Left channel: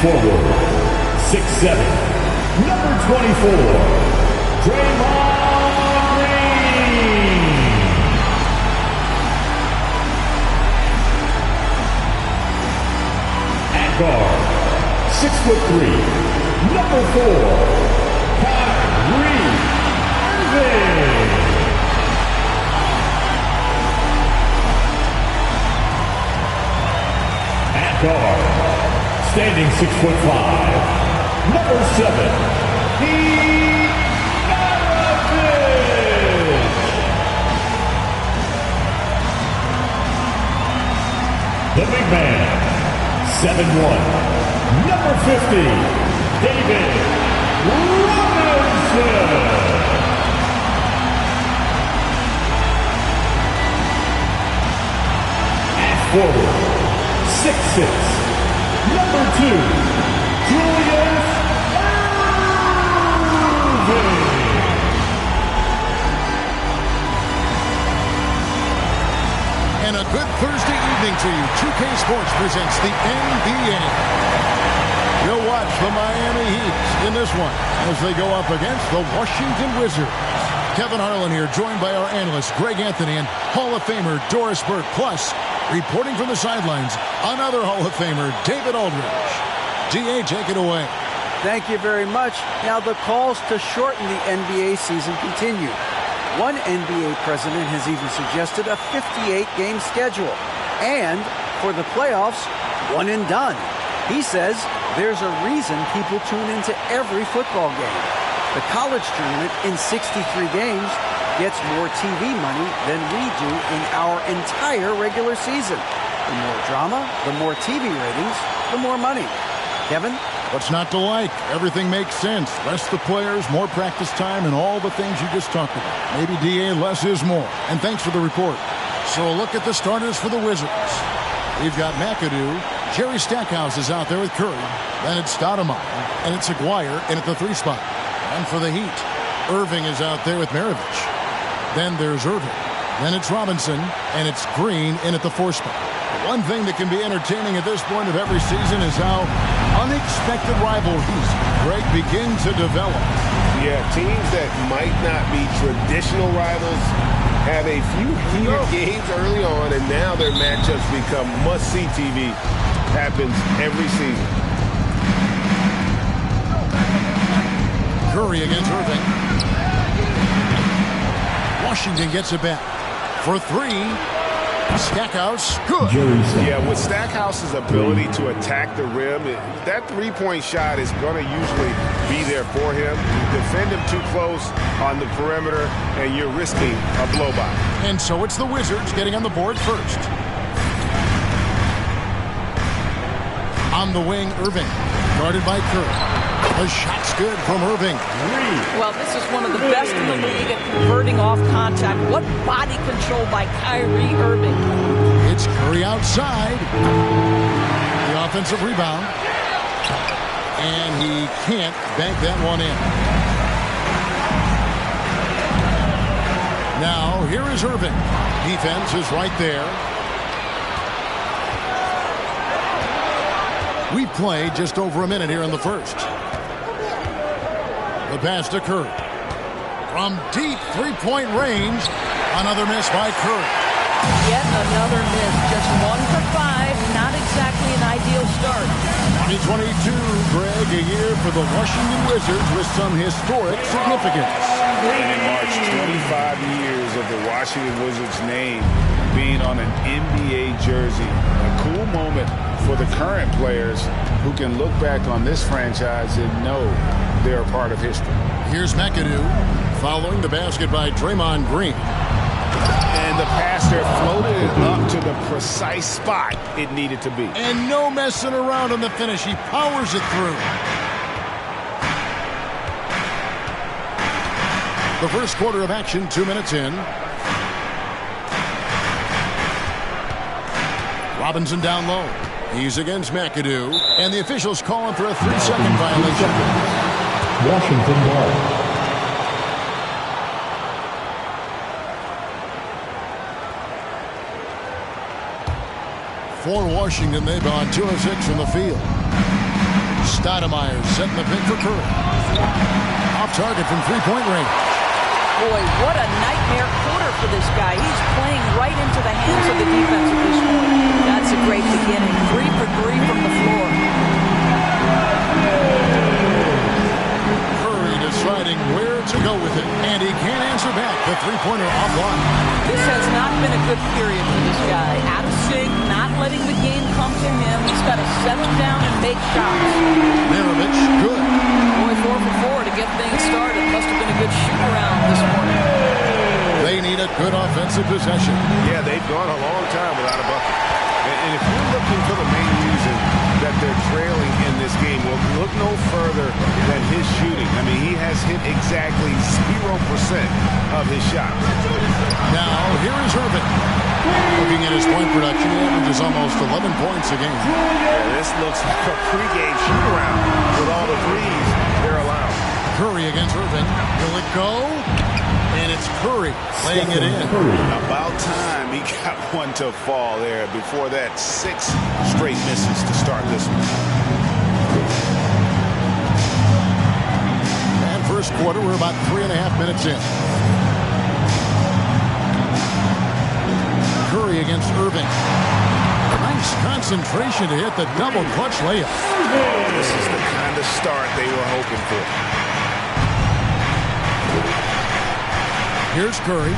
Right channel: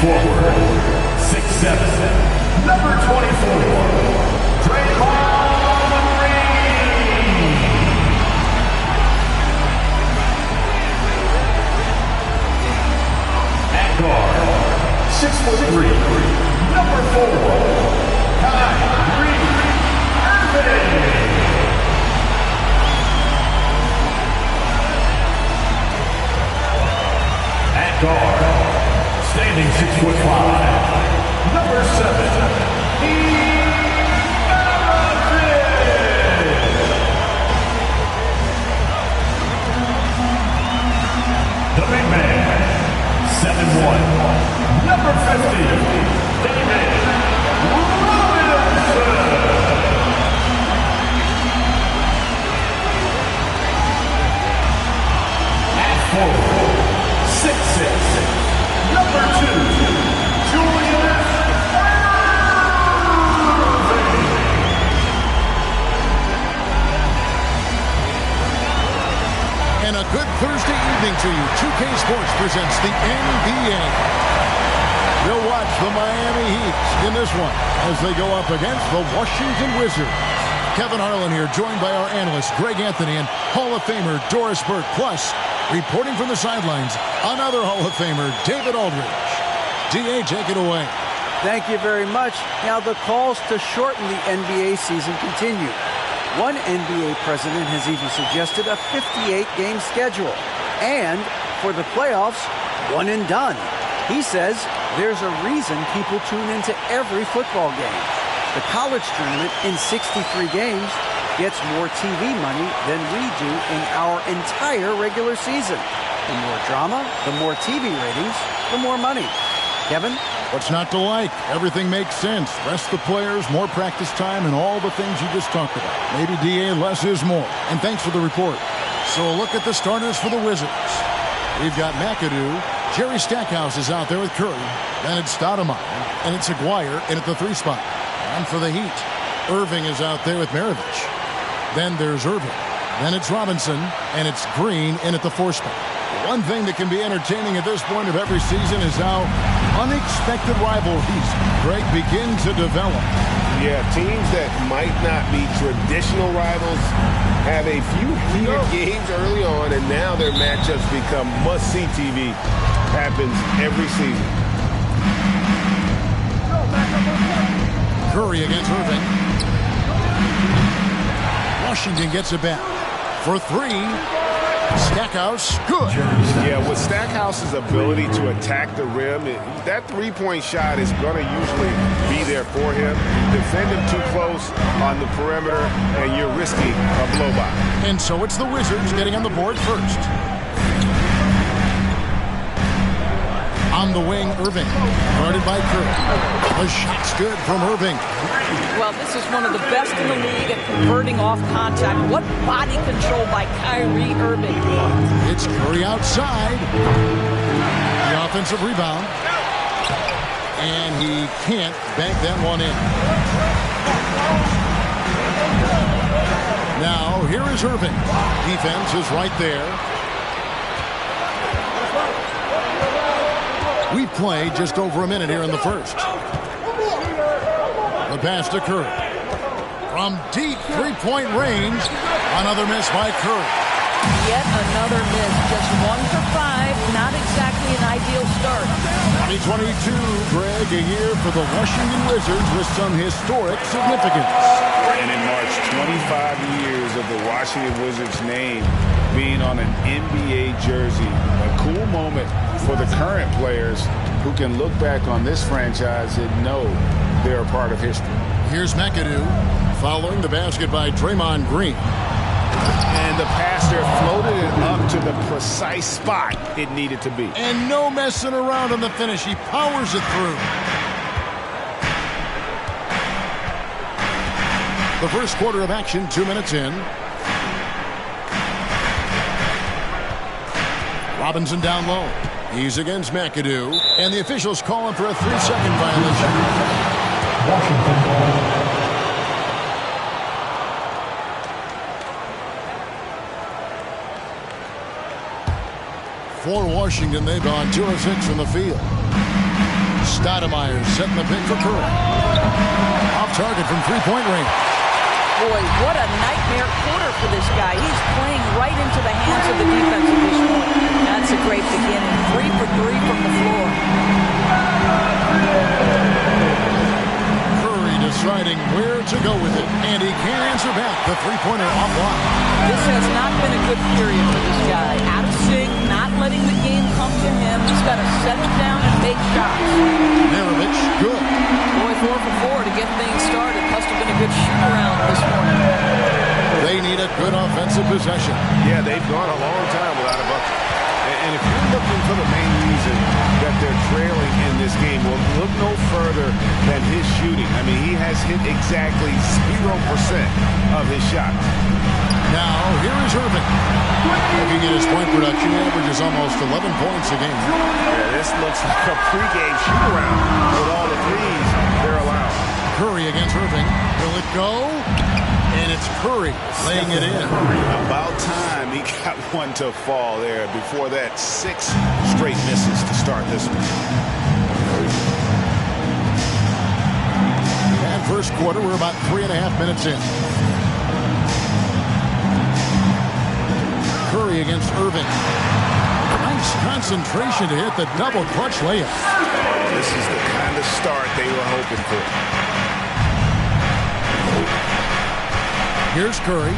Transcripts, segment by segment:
forward, 6'7", number 24, Draymond Green. At guard, 6'3", number 4, Kyrie Irving. At guard, standing 6'5", number 7, Heat Maravich. The big man, 7'1", number 50, David Robinson. At forward, 6'6", number 2, Julius Erving. And a good Thursday evening to you. 2K Sports presents the NBA. You'll watch the Miami Heat in this one as they go up against the Washington Wizards. Kevin Harlan here, joined by our analyst Greg Anthony and Hall of Famer Doris Burke. Plus, reporting from the sidelines, another Hall of Famer, David Aldridge. D.A., take it away. Thank you very much. Now, the calls to shorten the NBA season continue. One NBA president has even suggested a 58-game schedule. And for the playoffs, one and done. He says there's a reason people tune into every football game. The college tournament in 63 games gets more TV money than we do in our entire regular season. The more drama, the more TV ratings, the more money. Kevin? What's not to like? Everything makes sense. Rest the players, more practice time, and all the things you just talked about. Maybe, D.A., less is more. And thanks for the report. So a look at the starters for the Wizards. We've got McAdoo. Jerry Stackhouse is out there with Curry. Then it's Stoudemire, and it's Aguirre in at the 3 spot. And for the Heat, Irving is out there with Maravich. Then there's Irving. Then it's Robinson, and it's Green in at the 4 spot. One thing that can be entertaining at this point of every season is how unexpected rivalries, Greg, begin to develop. Yeah, teams that might not be traditional rivals have a few heated games early on, and now their matchups become must-see TV. Happens every season. Curry against Irving. Washington gets it back. For 3, Stackhouse, good. Yeah, with Stackhouse's ability to attack the rim, that three-point shot is going to usually be there for him. You defend him too close on the perimeter, and you're risking a blow-by. And so it's the Wizards getting on the board first. On the wing, Irving, guarded by Curry. The shot's good from Irving. Well, this is one of the best in the league at converting off contact. What body control by Kyrie Irving. It's Curry outside. The offensive rebound. And he can't bank that one in. Now, here is Irving. Defense is right there. We've played just over a minute here in the first. The pass to Curry. From deep three-point range, another miss by Curry. Yet another miss. Just 1 for 5. Not exactly an ideal start. 2022, Greg, a year for the Washington Wizards with some historic significance. And in March, 25 years of the Washington Wizards name being on an NBA jersey. A cool moment for the current players who can look back on this franchise and know they're a part of history. Here's McAdoo following the basket by Draymond Green. And the pass there floated it up to the precise spot it needed to be. And no messing around on the finish. He powers it through. The first quarter of action, 2 minutes in. Robinson down low. He's against McAdoo. And the officials call him for a 3-second violation. Washington ball. For Washington, they've gone 2 of 6 from the field. Stoudemire setting the pick for Curry. Off target from three-point range. Boy, what a nightmare quarter for this guy. He's playing right into the hands of the defense at this point. That's a great beginning. 3 for 3 from the floor. Curry deciding where to go with it, and he can't answer back. The three-pointer offline. This has not been a good period for this guy. Out of sync, not letting the game come to him. He's got to settle down and make shots. Maravich, good. Boy, 4 for 4 to get things started. Must have been a good shoot-around this morning. They need a good offensive possession. Yeah, they've gone a long time without a bucket. And if you're looking for the main reason that they're trailing in this game, well, look no further than his shooting. I mean, he has hit exactly 0% of his shots. Now, here is Irving. Looking at his point production, he averages almost 11 points a game. Yeah, this looks like a pregame shoot-around with all the threes they're allowing. Curry against Irving. Will it go? And it's Curry laying it in. About time he got one to fall there. Before that, 6 straight misses to start this one. And first quarter, we're about 3.5 minutes in. Curry against Irving. Nice concentration to hit the double clutch layup. Oh, this is the kind of start they were hoping for. Here's Curry.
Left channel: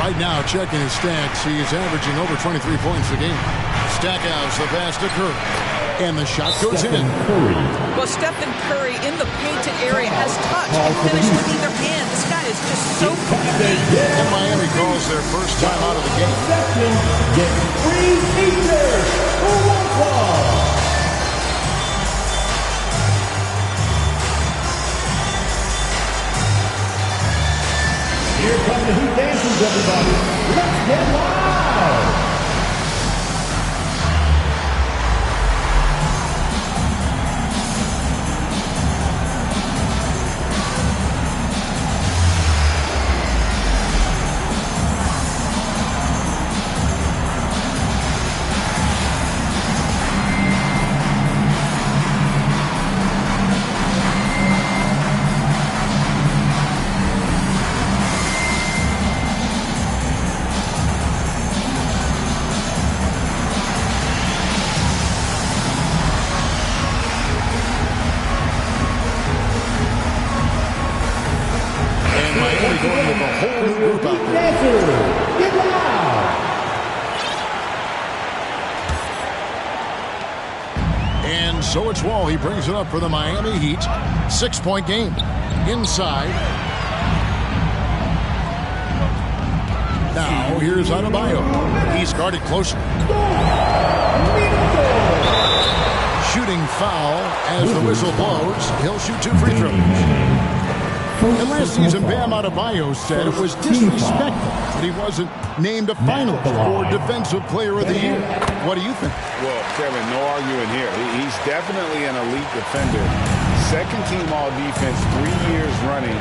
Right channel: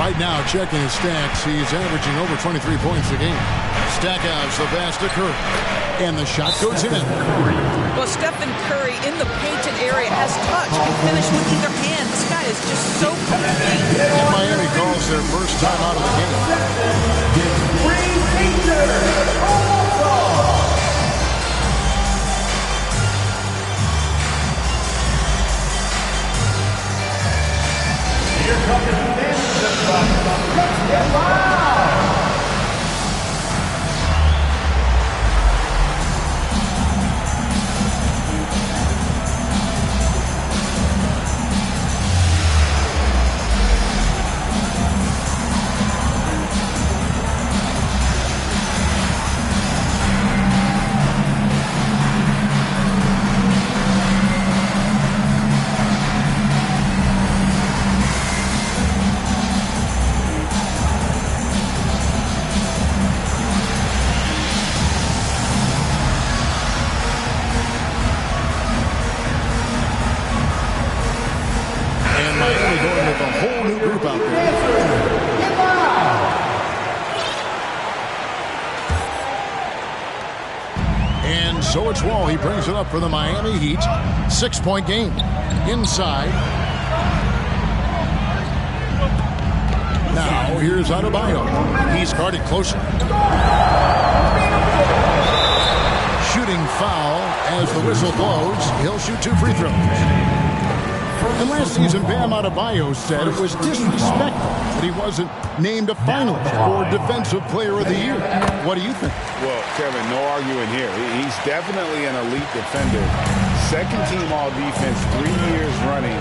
Right now, checking his stats, he's averaging over 23 points a game. Stackhouse, the pass to Curry. And the shot goes in. Well, Stephen Curry in the painted area has touch, can finish with either hand. This guy is just so complete. And Miami calls their first time out of the game. Here come the Heat dancers, everybody. Let's get loud. And Miami going with a whole new group out there. Get loud. And so it's Wall. He brings it up for the Miami Heat. 6-point game. Inside. Now here's Adebayo. He's guarded closer. Shooting foul as the whistle blows. He'll shoot 2 free throws. And last season, Bam Adebayo said it was disrespectful that he wasn't named a finalist for Defensive Player of the Year. What do you think? Well, Kevin, no arguing here. He's definitely an elite defender. Second team all defense 3 years running.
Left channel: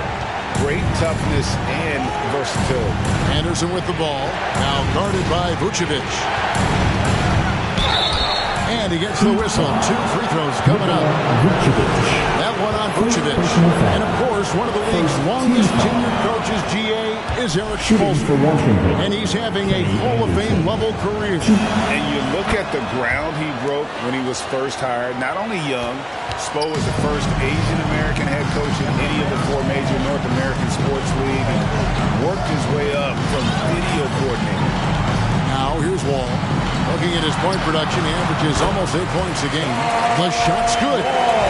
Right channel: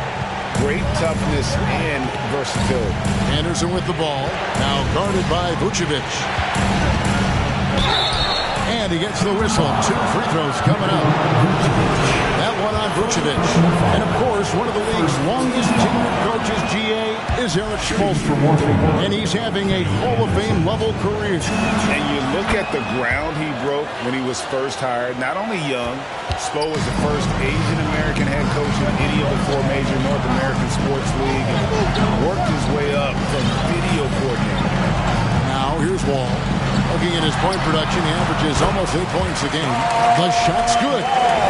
Great toughness and versatility. Anderson with the ball. Now guarded by Vucevic. And he gets the whistle. 2 free throws coming up. That one on Vucevic. And, of course, one of the league's longest tenured coaches, GA, is Eric Spoelstra. And he's having a Hall of Fame level career. And you look at the ground he broke when he was first hired. Not only young, Spo was the first Asian-American head coach in any of the 4 major North American sports leagues and worked his way up from video coordinator. Now, here's Wall. Looking at his point production, he averages almost 8 points a game. The shot's good.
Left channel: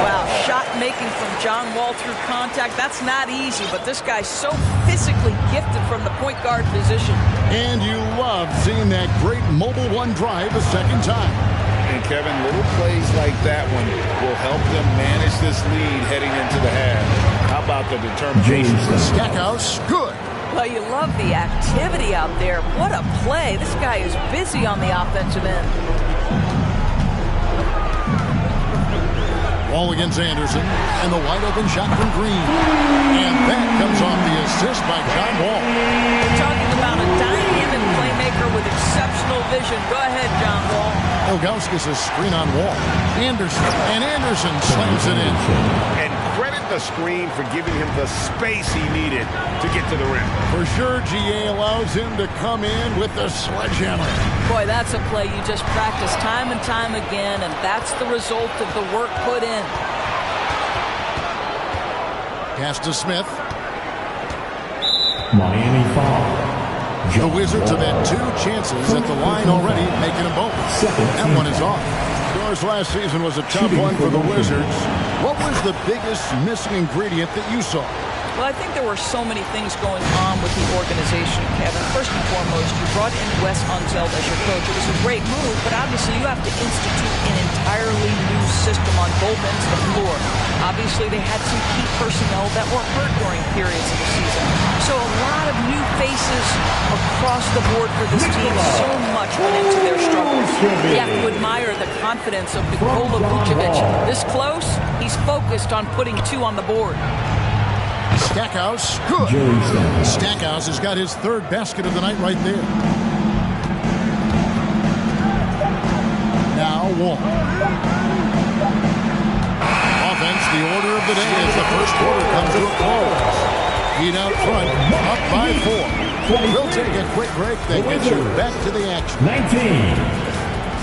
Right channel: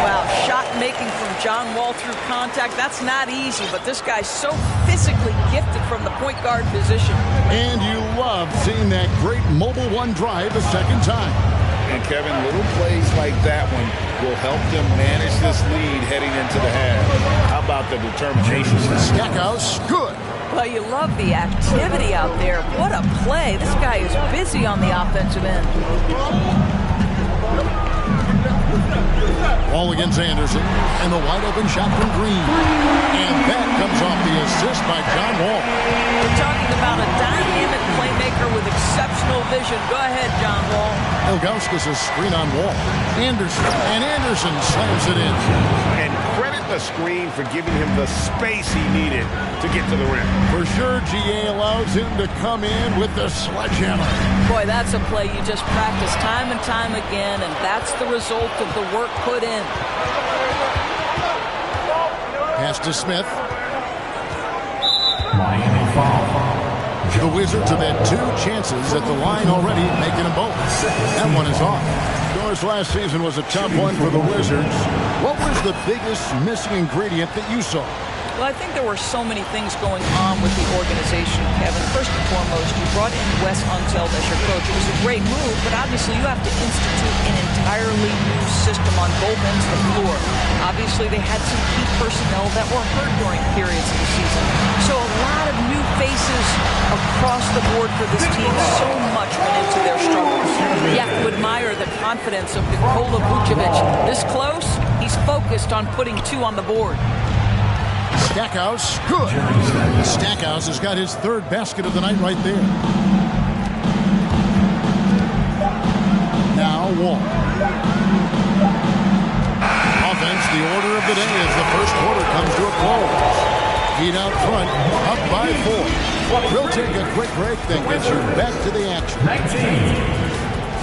Wow, shot making from John Wall through contact. That's not easy, but this guy's so physically gifted from the point guard position. And you love seeing that great mobile one drive a second time. And, Kevin, little plays like that one will help them manage this lead heading into the half. How about the determination? Stackhouse, good. Well, you love the activity out there. What a play. This guy is busy on the offensive end. Wall against Anderson, and the wide open shot from Green. And that comes off the assist by John Wall. talking about a dynamic playmaker with exceptional vision. Go ahead, John Wall. Ilgauskas a screen on Wall. Anderson slams it in. And credit the screen for giving him the space he needed to get to the rim. For sure, GA allows him to come in with the sledgehammer. Boy, that's a play you just practice time and time again, and that's the result of the work put in. Pass to Smith. Miami foul. The Wizards have had 2 chances at the line already, making them both. That one is off. Of course, last season was a tough one for the Wizards. What was the biggest missing ingredient that you saw? Well, I think there were so many things going on with the organization, Kevin. First and foremost, you brought in Wes Unseld as your coach. It was a great move, but obviously you have to institute an entirely new system on both ends of the floor. Obviously, they had some key personnel that were hurt during periods of the season. So a lot of new faces across the board for this team. So much went into their struggles. You have to admire the confidence of Nikola Vucevic. This close, he's focused on putting 2 on the board. Stackhouse, good. Stackhouse has got his 3rd basket of the night right there. Now Wall. Offense, the order of the day as the first quarter comes to a close. Heat out front, up by 4. We'll take a quick break, then get you back to the action. 19.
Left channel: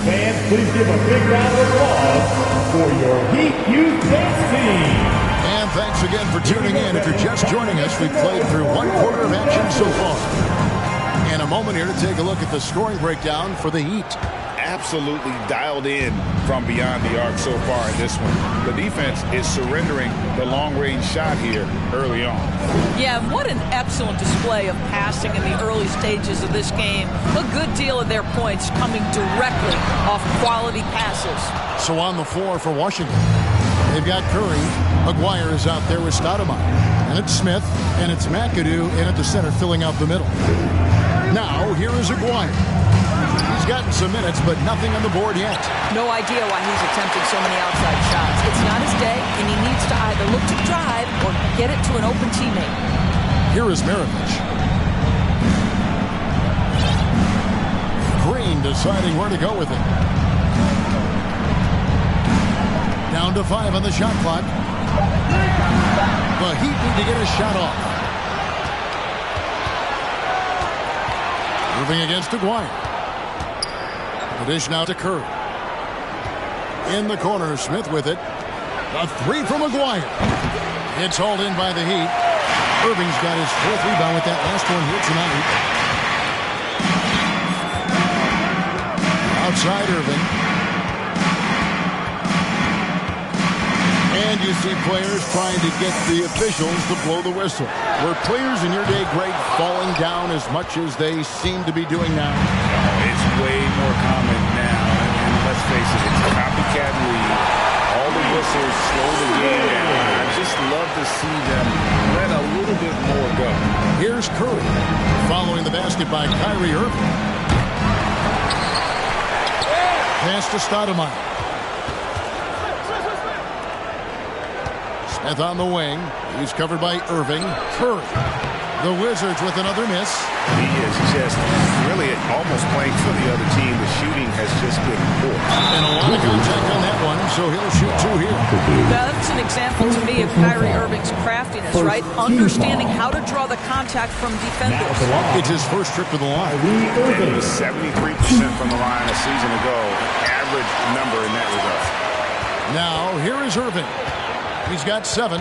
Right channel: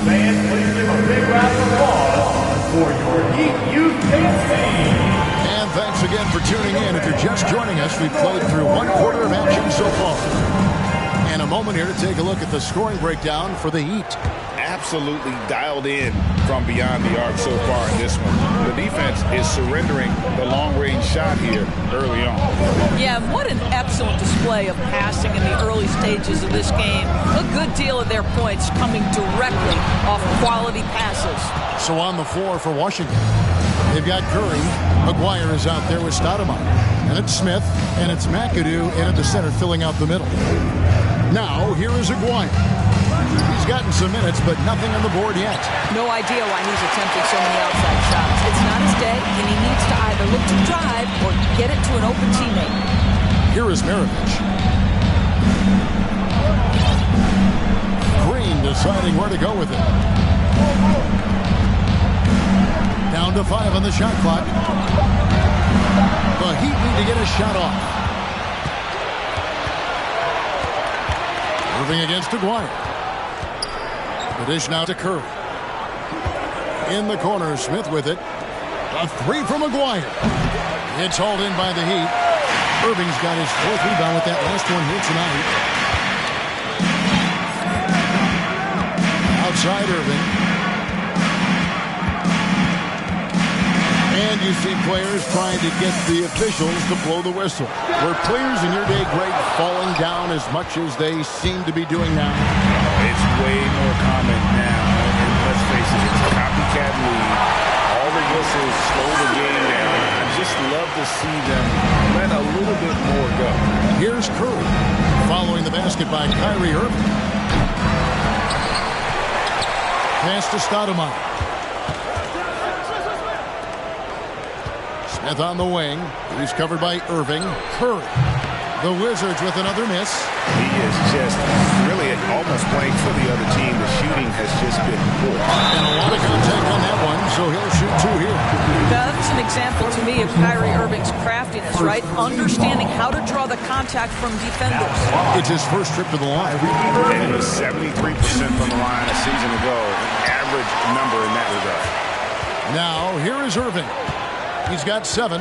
Fans, please give a big round of applause for your Heat Youth Dance Team. And thanks again for tuning in. If you're just joining us, we've played through 1 quarter of action so far. And a moment here to take a look at the scoring breakdown for the Heat. Absolutely dialed in from beyond the arc so far in this one. The defense is surrendering the long-range shot here early on. Yeah, what an excellent display of passing in the early stages of this game. A good deal of their points coming directly off quality passes. So on the floor for Washington, they've got Curry. McGuire is out there with Stoudemire. And it's Smith, and it's McAdoo in at the center filling out the middle. Now, here is Aguirre. He's gotten some minutes, but nothing on the board yet. No idea why he's attempting so many outside shots. It's not his day, and he needs to either look to drive or get it to an open teammate. Here is Maravich. Green deciding where to go with it. Down to 5 on the shot clock. The Heat need to get a shot off. Irving against Aguirre. The dish now to Curry. In the corner, Smith with it. A 3 from Aguirre. It's hauled in by the Heat. Irving's got his 4th rebound with that last one here tonight. Outside Irving. And you see players trying to get the officials to blow the whistle. Were players in your day, Greg, falling down as much as they seem to be doing now? Oh, it's way more common now. And let's face it, it's a copycat league. All the whistles slow the game down. I just love to see them let a little bit more go. Here's Curry following the basket by Kyrie Irving. Pass to Stoudemire. Smith on the wing. He's covered by Irving. Curry. The Wizards with another miss. He is just really almost playing for the other team. The shooting has just been poor. And a lot of contact on that one, so he'll shoot 2 here. That's an example to me of Kyrie Irving's craftiness, right? Understanding how to draw the contact from defenders. It's his first trip to the line. And he was 73% from the line a season ago. An average number in that regard. Now, here is Irving. He's got 7.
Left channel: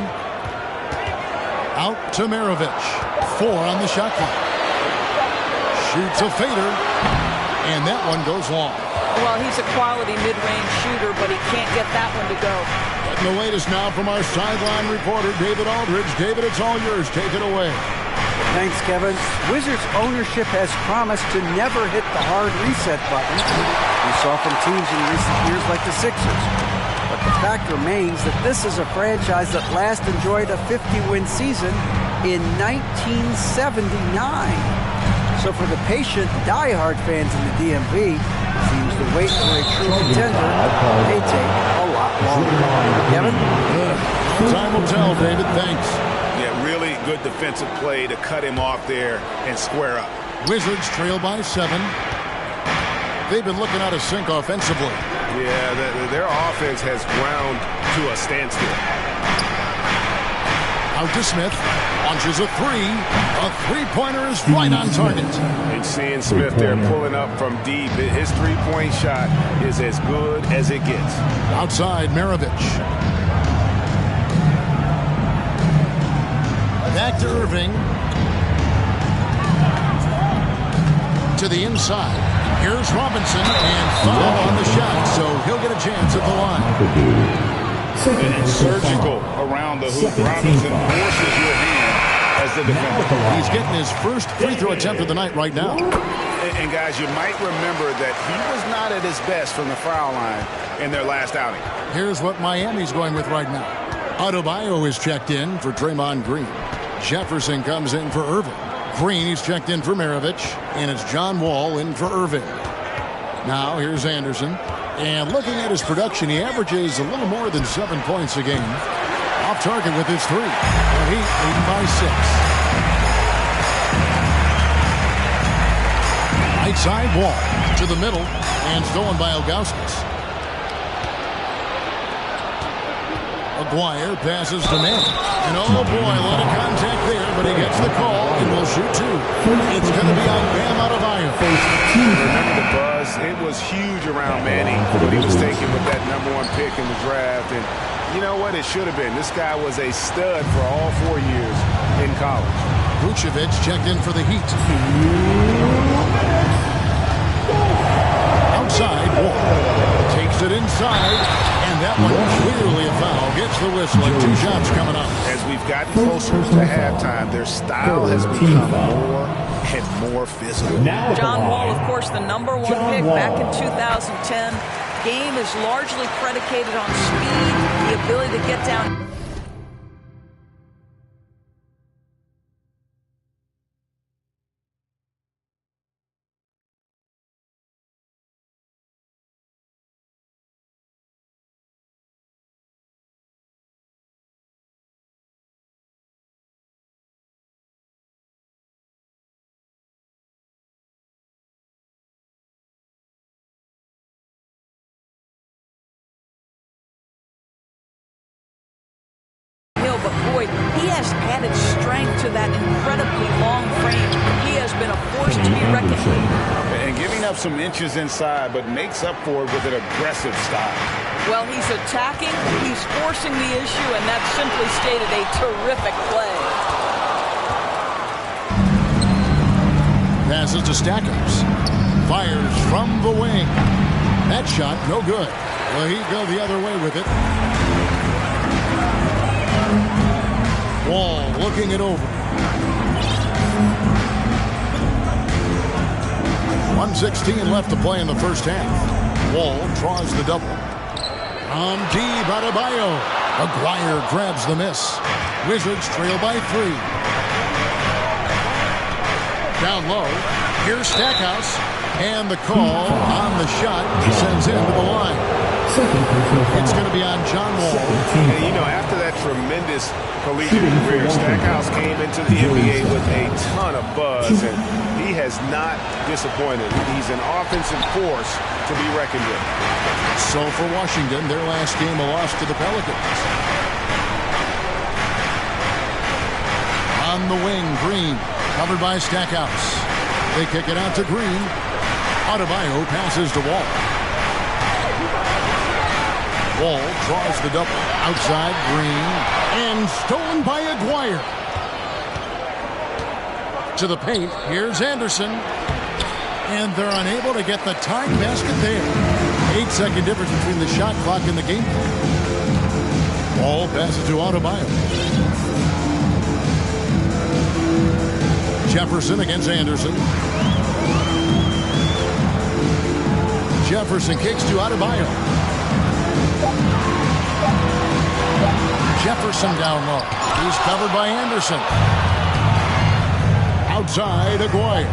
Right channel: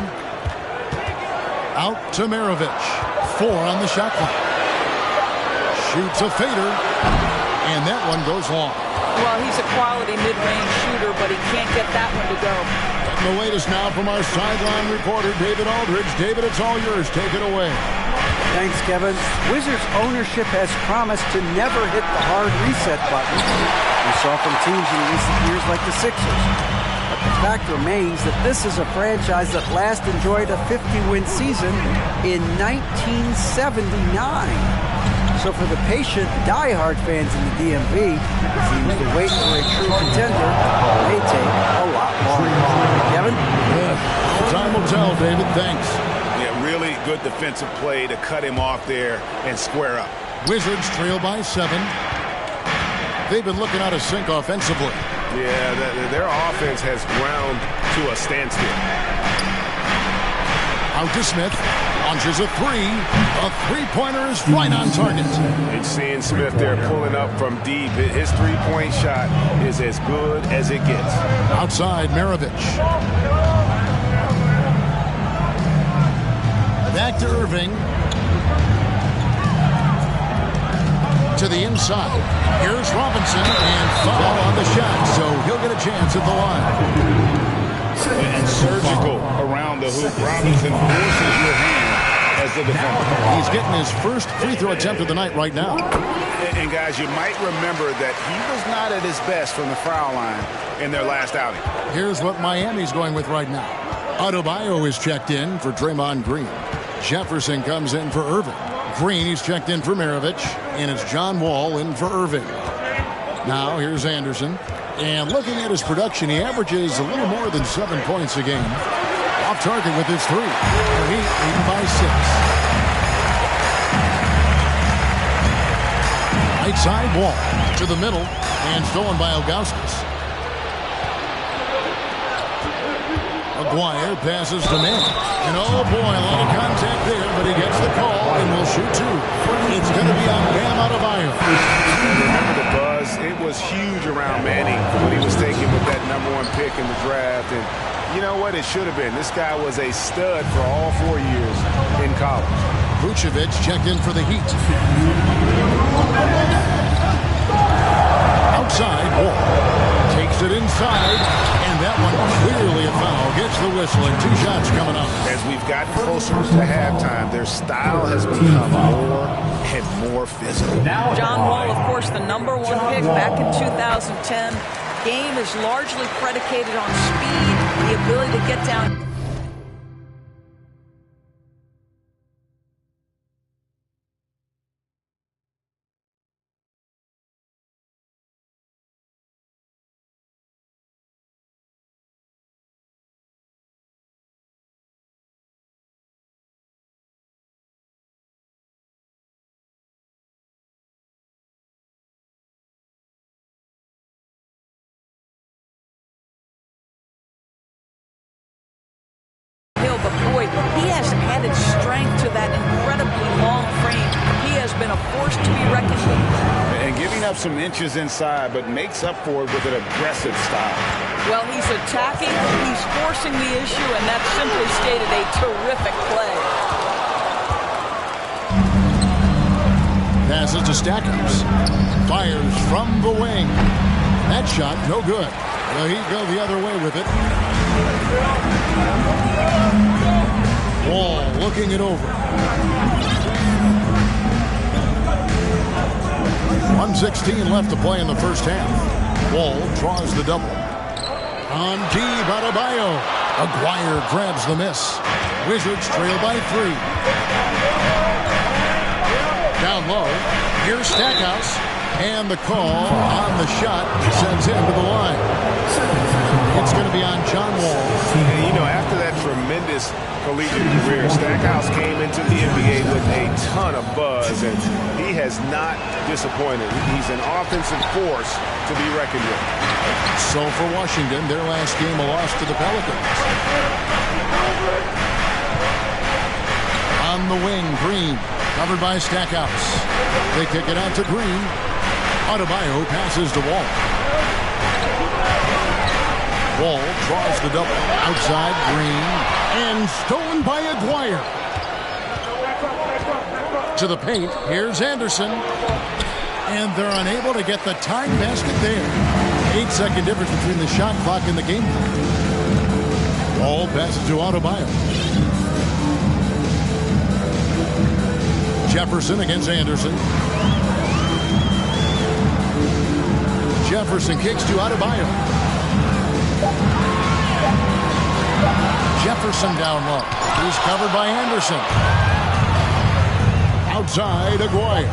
Out to Maravich. 4 on the shot clock. Shoots a fader. And that one goes long. Well, he's a quality mid-range shooter, but he can't get that one to go. Getting the latest now from our sideline reporter, David Aldridge. David, it's all yours. Take it away. Thanks, Kevin. Wizards ownership has promised to never hit the hard reset button we saw from teams in recent years like the Sixers. But the fact remains that this is a franchise that last enjoyed a 50-win season in 1979. So for the patient, diehard fans in the DMV, it seems the wait for a true contender may take a lot longer. Kevin? Time will tell, David. Thanks. Yeah, really good defensive play to cut him off there and square up. Wizards trail by 7. They've been looking out of sync offensively. Yeah, their offense has ground to a standstill. Out to Smith. Launches a 3. A three-pointer is right on target. And seeing Smith there pulling up from deep. His three-point shot is as good as it gets. Outside, Maravich. Back to Irving. To the inside. Here's Robinson, and foul on the shot, so he'll get a chance at the line. And surgical around the hoop. Robinson forces your hand as the defender. He's getting his first free throw attempt of the night right now. And guys, you might remember that he was not at his best from the foul line in their last outing. Here's what Miami's going with right now. Adebayo is checked in for Draymond Green. Jefferson comes in for Irving. Green, he's checked in for Maravich, and it's John Wall in for Irving. Now, here's Anderson. And looking at his production, he averages a little more than 7 points a game. Off target with his 3. The Heat leading by 6. Right side, Wall to the middle, and stolen by Ilgauskas. Aguirre passes to Mann. And oh boy, a lot of contact there, but he gets the call and will shoot 2. It's going to be on Bam Adebayo. And remember the buzz, it was huge around Manning when he was taken with that #1 pick in the draft. And you know what? It should have been. This guy was a stud for all 4 years in college. Vucevic checked in for the Heat. Outside, Wall takes it inside, and that one clearly a foul. Gets the whistle, and 2 shots coming up. As we've gotten closer to halftime, their style has become more and more physical. John Wall, of course, the #1 pick back in 2010. Game is largely predicated on speed, the ability to get down. But boy, he has added strength to that incredibly long frame. He has been a force to be reckoned with. And giving up some inches inside, but makes up for it with an aggressive style. Well, he's attacking, he's forcing the issue, and that's simply stated a terrific play. Passes to Stackhouse. Fires from the wing. That shot, no good. The Heat go the other way with it. Wall looking it over. 1:16 left to play in the first half. Wall draws the double. On deep, Adebayo. Aguirre grabs the miss. Wizards trail by 3. Down low. Here's Stackhouse. And the call on the shot sends him to the line. It's going to be on John Wall. And, you know, after that tremendous collegiate career, Stackhouse came into the NBA with a ton of buzz, and he has not disappointed. He's an offensive force to be reckoned with. So for Washington, their last game a loss to the Pelicans. On the wing, Green, covered by Stackhouse. They kick it out to Green. Adebayo passes to Wall. Wall draws the double. Outside, Green. And stolen by Aguirre. To the paint. Here's Anderson. And they're unable to get the tying basket there. 8-second difference between the shot clock and the game clock. Wall passes to Adebayo. Jefferson against Anderson. Jefferson kicks to Adebayo. Jefferson down low. He's covered by Anderson. Outside, Aguirre.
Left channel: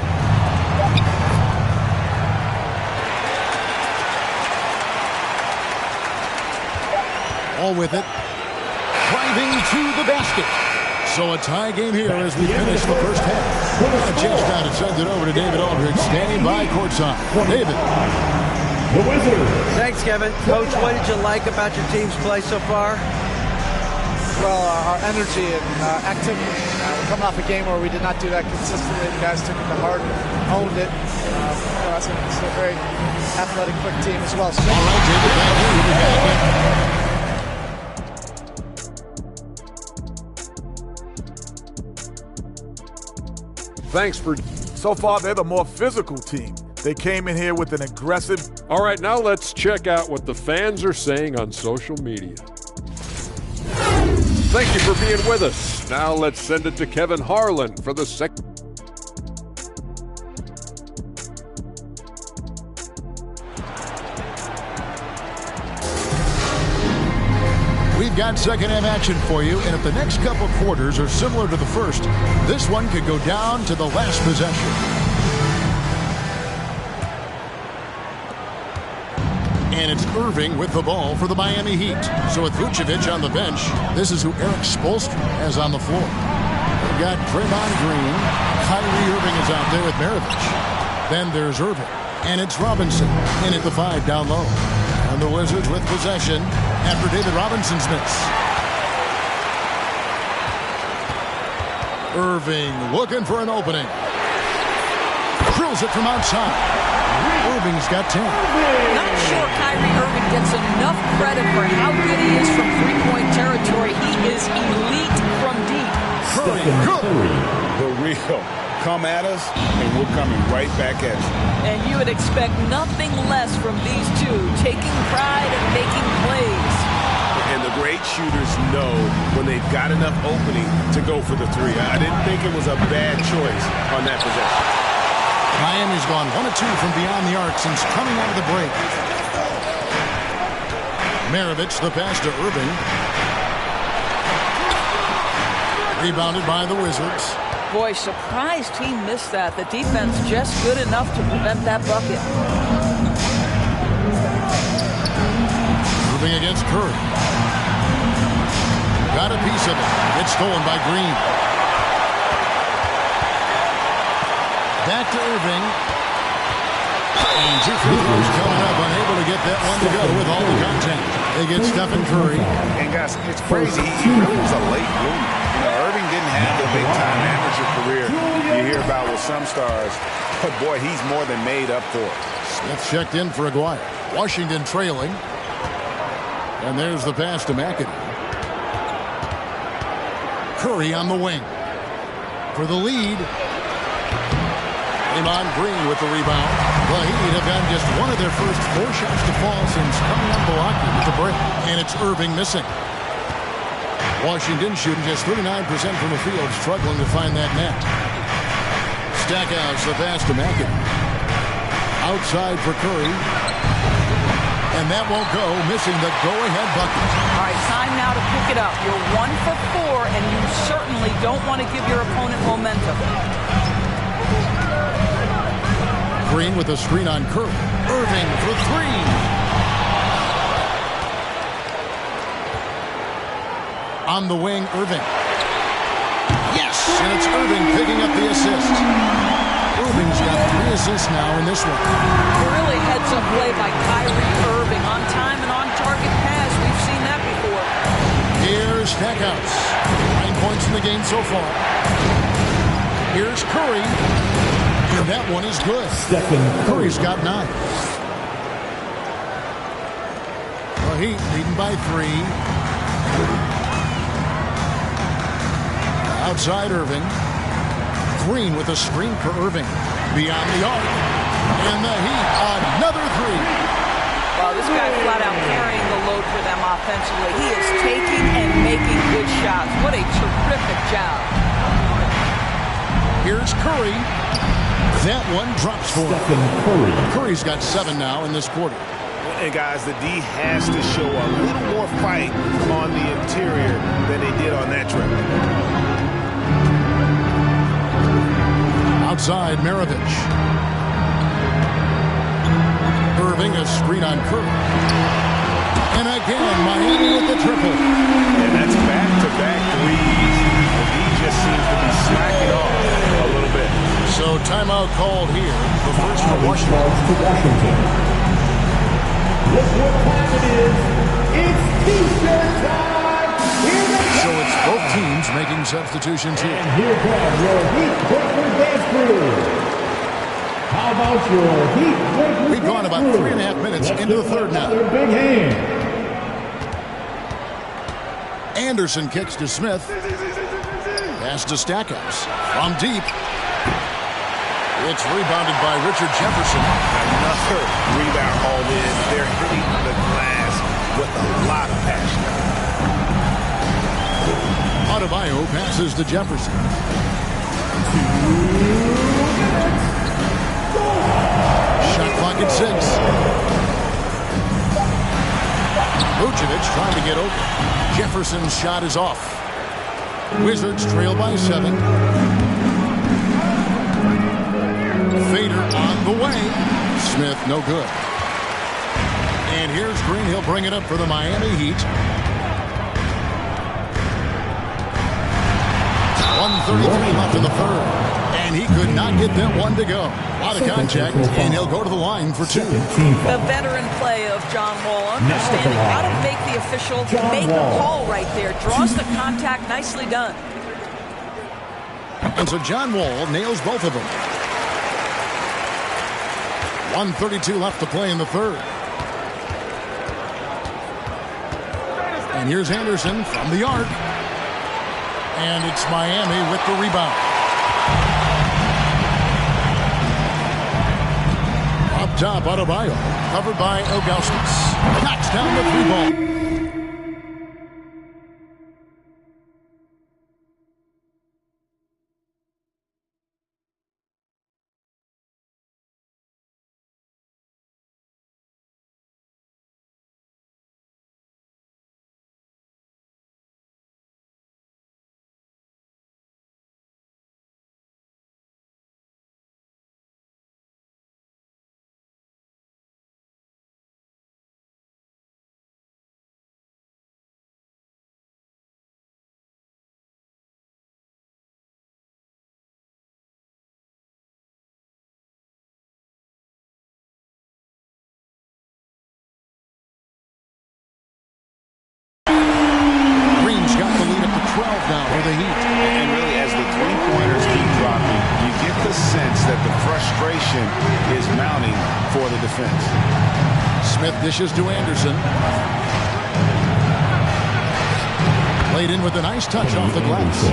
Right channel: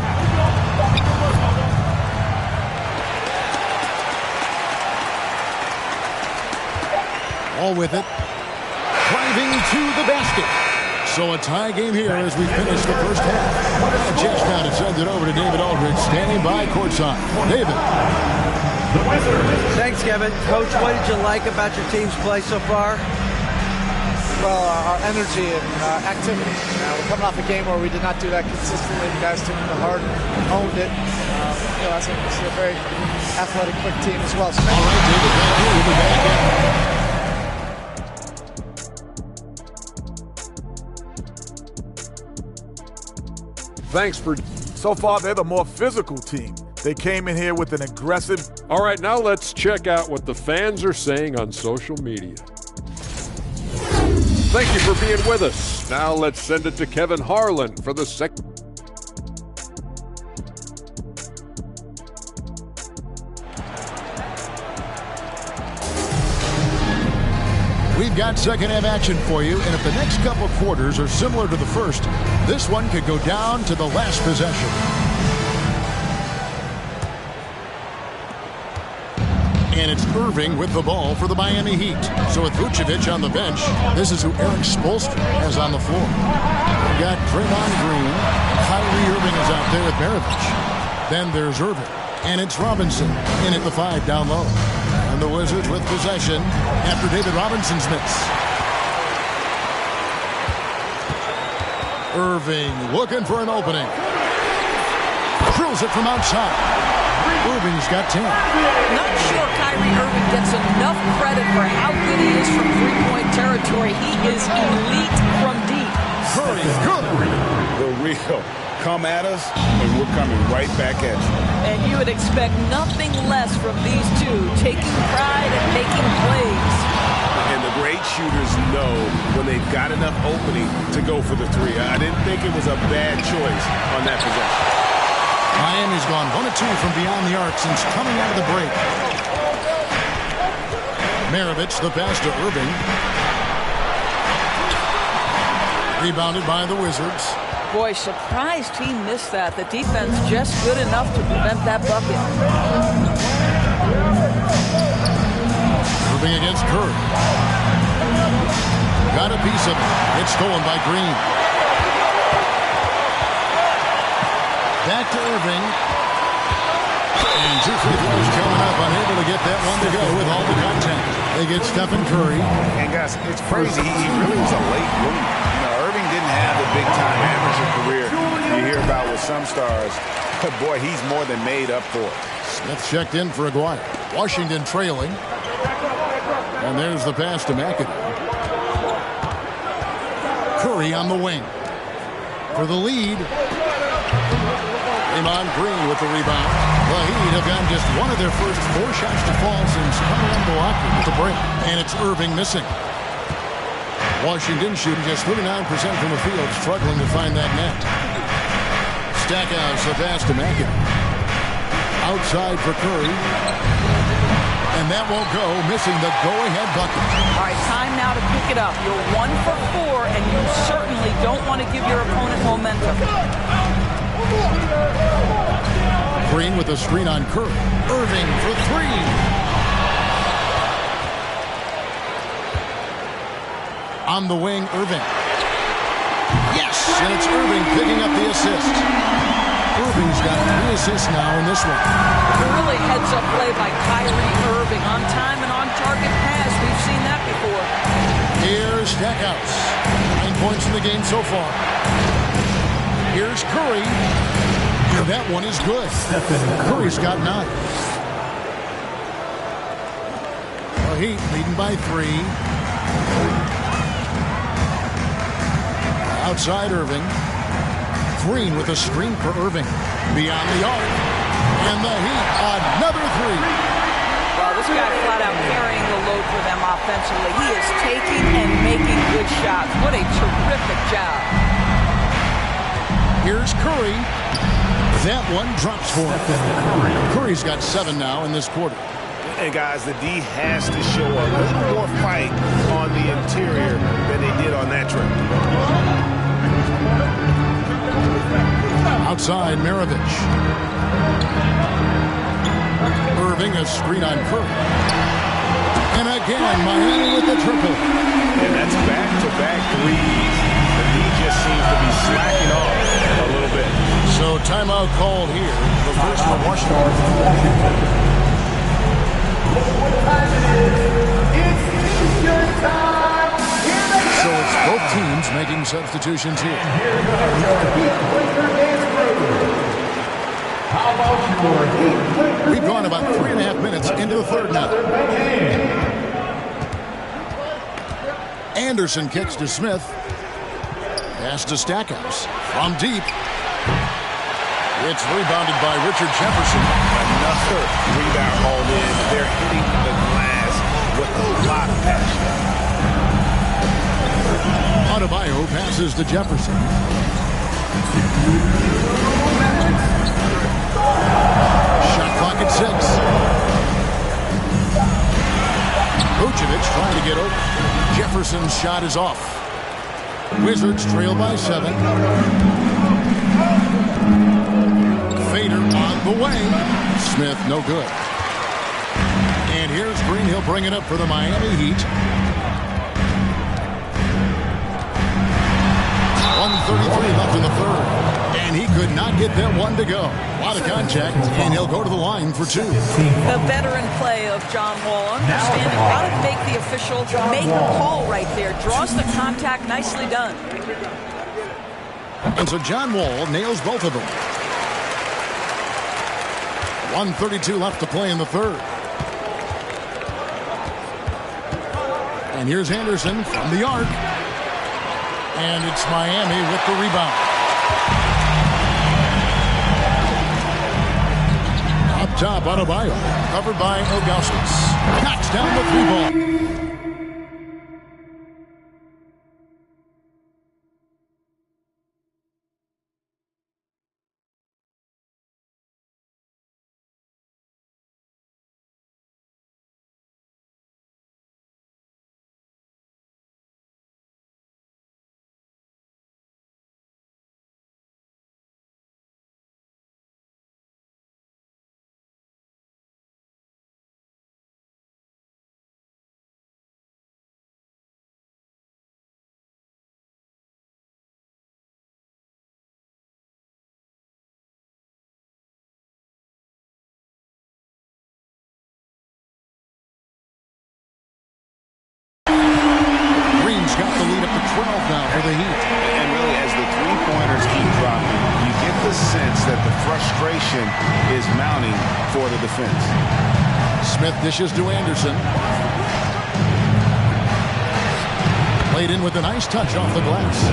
All with it. Driving to the basket. So a tie game here as we finish the first half. A chance now to send it over to David Aldridge, standing by courtside. David. The Wizards. Thanks, Kevin. Coach, what did you like about your team's play so far? Well, our energy and activity. We're coming off a game where we did not do that consistently. The guys took it to heart, owned it. It's a very athletic, quick team as well. So all right, David, thank you. We'll be back in. Thanks for... So far, they're the more physical team. They came in here with an aggressive... All right, now let's check out what the fans are saying on social media. Thank you for being with us. Now let's send it to Kevin Harlan for the second. We've got second half action for you, and if the next couple quarters are similar to the first, this one could go down to the last possession. And it's Irving with the ball for the Miami Heat. So with Vucevic on the bench, this is who Eric Spoelstra has on the floor. We've got Draymond Green. Kyrie Irving is out there with Maravich. Then there's Irving. And it's Robinson in at the 5 down low. And the Wizards with possession after David Robinson's miss. Irving looking for an opening. Drills it from outside. Irving's got 10. Not sure Kyrie Irving gets enough credit for how good he is from three-point territory. He is elite from deep. Curry, good. The real. Come at us, and we're coming right back at you. And you would expect nothing less from these two, taking pride and making plays. And the great shooters know when they've got enough opening to go for the three. I didn't think it was a bad choice on that possession. Miami's gone 1 of 2 from beyond the arc since coming out of the break. Maravich, the pass to Irving. Rebounded by the Wizards. Boy, surprised he missed that. The defense just good enough to prevent that bucket. Irving against Curry. Got a piece of it. It's stolen by Green. Back to Irving. And 2 free throws coming up. Unable to get that one to go with all the contact. They get Stephen Curry. And guys, it's crazy. He really was a late bloomer. You know, Irving didn't have the big-time amateur career you hear about with some stars. But, boy, he's more than made up for it. Smith checked in for Aguirre. Washington trailing. And there's the pass to McAdoo. Curry on the wing. For the lead. Draymond Green with the rebound. The Heat have gotten just one of their first 4 shots to fall since coming out of the locker room with the break. And it's Irving missing. Washington shooting just 39% from the field, struggling to find that net. Stackhouse the pass to McAdoo. Outside for Curry. And that won't go, missing the go-ahead bucket. All right, time now to pick it up. You're 1 for 4, and you certainly don't want to give your opponent momentum. Green with a screen on Curry. Irving for 3. On the wing, Irving. Yes, and it's Irving picking up the assist. Irving's got 3 assists now in this one. Really heads-up play by Kyrie Irving. On time and on target pass. We've seen that before. Here's Stackhouse. 9 points in the game so far. Here's Curry. And that one is good. Curry's got 9. The Heat leading by 3. Outside Irving. Green with a screen for Irving. Beyond the arc. And the Heat, another 3. Wow, this guy flat out carrying the load for them offensively. He is taking and making good shots. What a terrific job. Here's Curry. That one drops for him. Curry's got 7 now in this quarter. And, guys, the D has to show a little more fight on the interior than they did on that trip. Outside, Maravich. Irving, a screen on Curry. And again, Miami with the triple. And that's back-to-back threes. The He just seems to be slacking off a little bit. So timeout called here. The first for Washington. Look what time it is. It's Houston time. So it's both teams making substitutions here. And here come your Heat Breaker dance crew. How about your Heat Breaker? We've gone about 3.5 minutes into the third now. Big hand. Anderson kicks to Smith. Pass to Stackhouse. From deep. It's rebounded by Richard Jefferson. Another rebound hauled in. They're hitting the glass with a lot of passion. Adebayo passes to Jefferson. Shot clock at 6. Vucevic trying to get open. Jefferson's shot is off. Wizards trail by 7. Fader on the way. Smith no good. And here's Green. He'll bring it up for the Miami Heat. 1:33 left in the third. And he could not get that one to go. A lot of contact, and he'll go to the line for 2. The veteran play of John Wall, understanding how to make the official make a call right there. Draws the contact, nicely done. And so John Wall nails both of them. 1:32 left to play in the third. And here's Anderson from the arc. And it's Miami with the rebound. Up top, Adebayo, covered by Ilgauskas. Knocks down the 3 ball. Green's got the lead up to 12 now for the Heat. And really, as the three-pointers keep dropping, you get the sense that the frustration is mounting for the defense. Smith dishes to Anderson. Played in with a nice touch off the glass.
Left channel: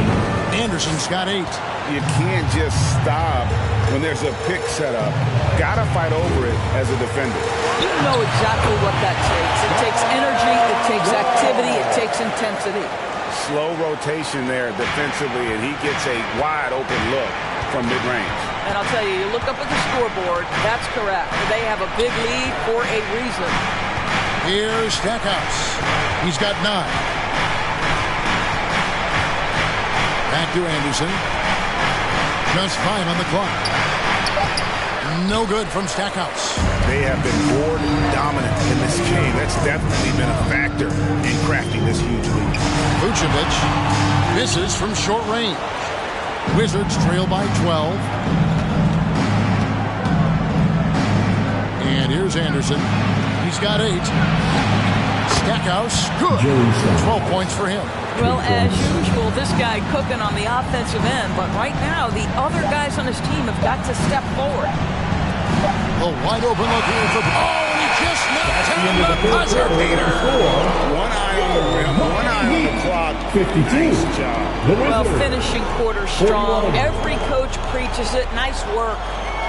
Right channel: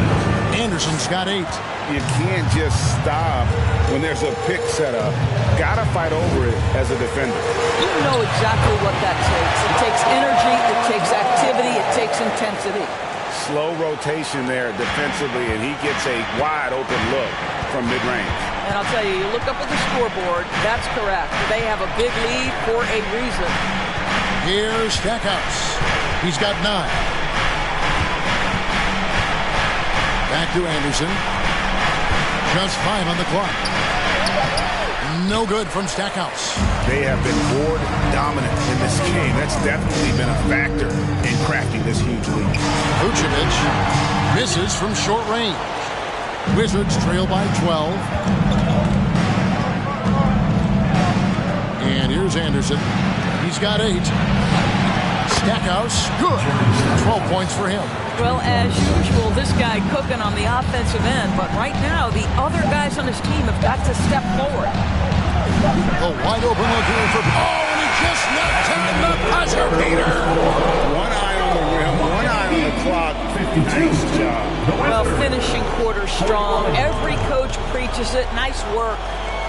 Anderson's got 8. You can't just stop when there's a pick set up. Gotta fight over it as a defender. You know exactly what that takes. It takes energy, it takes activity, it takes intensity. Slow rotation there defensively, and he gets a wide open look from mid-range. And I'll tell you, you look up at the scoreboard, that's correct. They have a big lead for a reason. Here's Stackhouse. He's got 9. Back to Anderson. Just 5 on the clock. No good from Stackhouse. They have been board dominant in this game. That's definitely been a factor in crafting this huge lead. Vucevic misses from short range. Wizards trail by 12. And here's Anderson. He's got 8. Stackhouse, good. 12 points for him. Well, as usual, this guy cooking on the offensive end, but right now the other guys on his team have got to step forward. The wide open look here for... Oh, and he just knocked down the buzzer beater. One eye on the rim, one eye on the clock. 52. Nice job. Well, finishing quarter strong. Every coach preaches it. Nice work.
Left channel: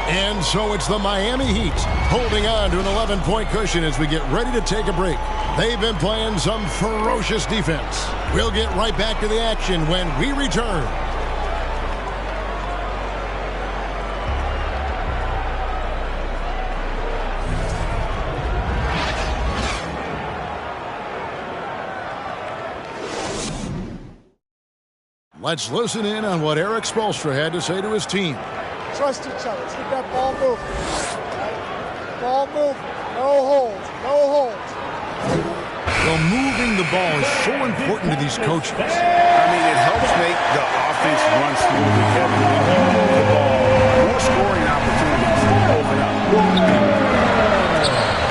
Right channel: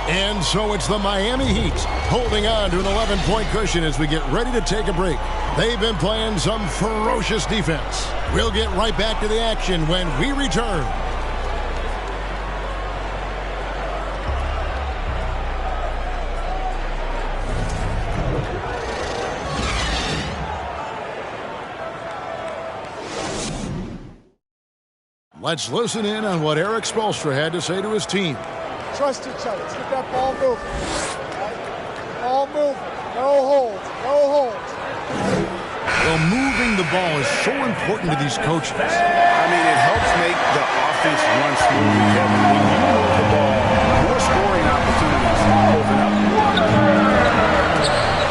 And so it's the Miami Heat holding on to an 11-point cushion as we get ready to take a break. They've been playing some ferocious defense. We'll get right back to the action when we return. Let's listen in on what Eric Spoelstra had to say to his team. Trust each other. Let's get that ball moving. Right? Ball moving. No holds. No holds. Right? Well, moving the ball is so important to these coaches. I mean, it helps make the offense run smoothly, Kevin. When you move the ball, more scoring opportunities open up.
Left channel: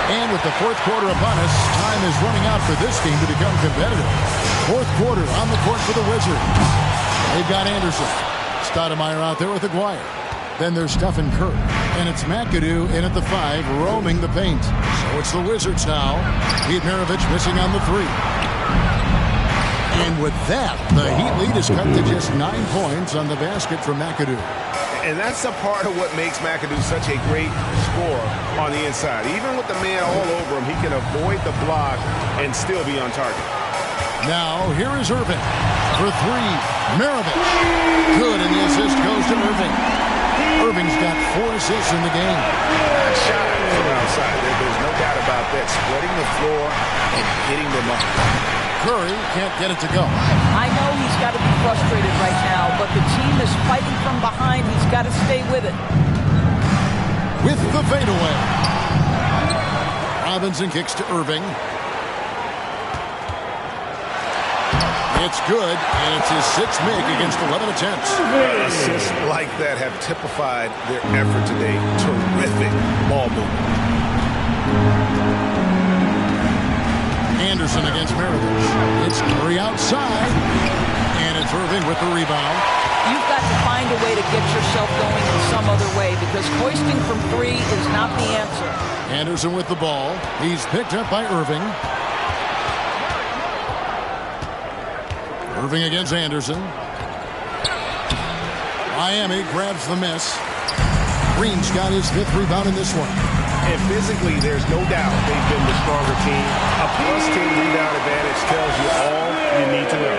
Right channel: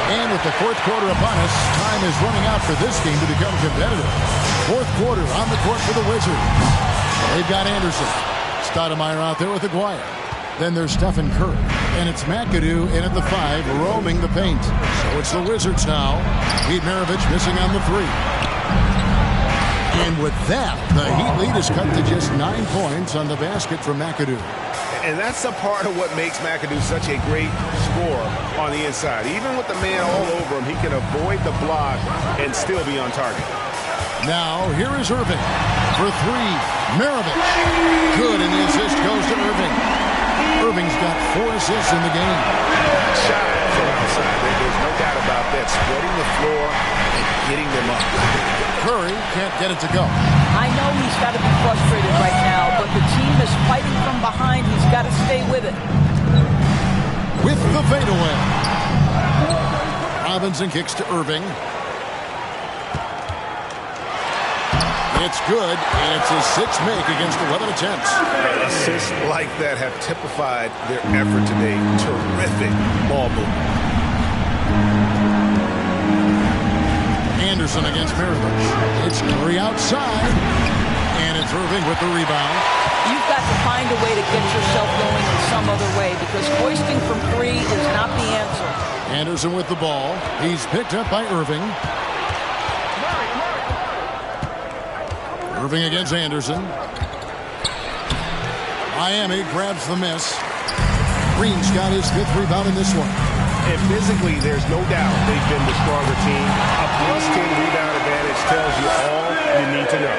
And with the fourth quarter upon us, time is running out for this game to become competitive. Fourth quarter on the court for the Wizards. They've got Anderson. Stoudemire out there with Aguirre. Then there's Stephen Curry. And it's McAdoo in at the 5, roaming the paint. So it's the Wizards now. Pete Maravich missing on the 3. And with that, the Heat lead is cut to just 9 points on the basket from McAdoo. And that's a part of what makes McAdoo such a great scorer on the inside. Even with the man all over him, he can avoid the block and still be on target. Now, here is Irving for 3. Maravich. Good, and the assist goes to Irving. Irving's got 4 assists in the game. Not shy from outside. There's no doubt about that. Spreading the floor and getting them up. Curry can't get it to go. I know he's got to be frustrated right now, but the team is fighting from behind. He's got to stay with it. With the fadeaway. Robinson kicks to Irving. It's good, and it's his 6th make against 11 attempts. Assists like that have typified their effort today. Terrific ball movement. Anderson against Maravich. It's Curry outside, and it's Irving with the rebound. You've got to find a way to get yourself going in some other way because hoisting from 3 is not the answer. Anderson with the ball. He's picked up by Irving. Irving against Anderson. Miami grabs the miss. Green's got his 5th rebound in this one. And physically, there's no doubt they've been the stronger team. A +10 rebound advantage tells you all you need to know.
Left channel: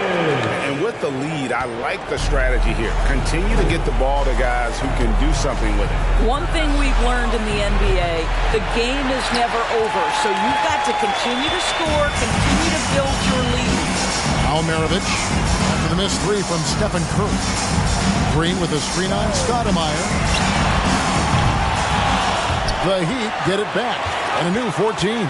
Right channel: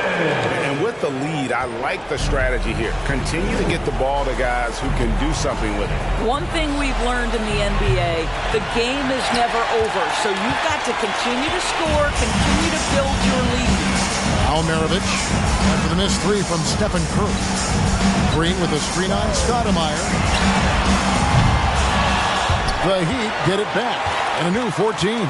And with the lead, I like the strategy here. Continue to get the ball to guys who can do something with it. One thing we've learned in the NBA, the game is never over. So you've got to continue to score, continue to build your lead. Now Maravich after the missed 3 from Stephen Curry. Green with a screen on Stoudemire. The Heat get it back and a new 14.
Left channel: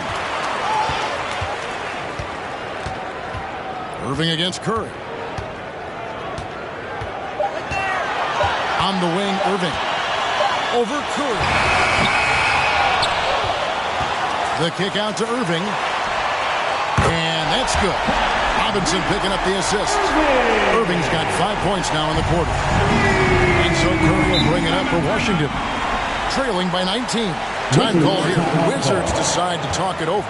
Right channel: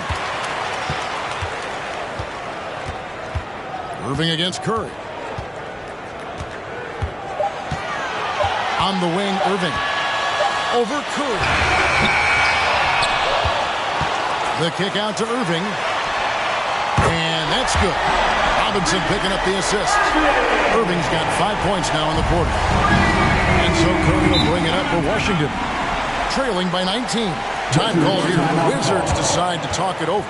Irving against Curry. On the wing, Irving. Over Curry. The kick out to Irving. And that's good. Robinson picking up the assist. Irving's got 5 points now in the quarter. And so Curry will bring it up for Washington. Trailing by 19. Time call here. The Wizards decide to talk it over.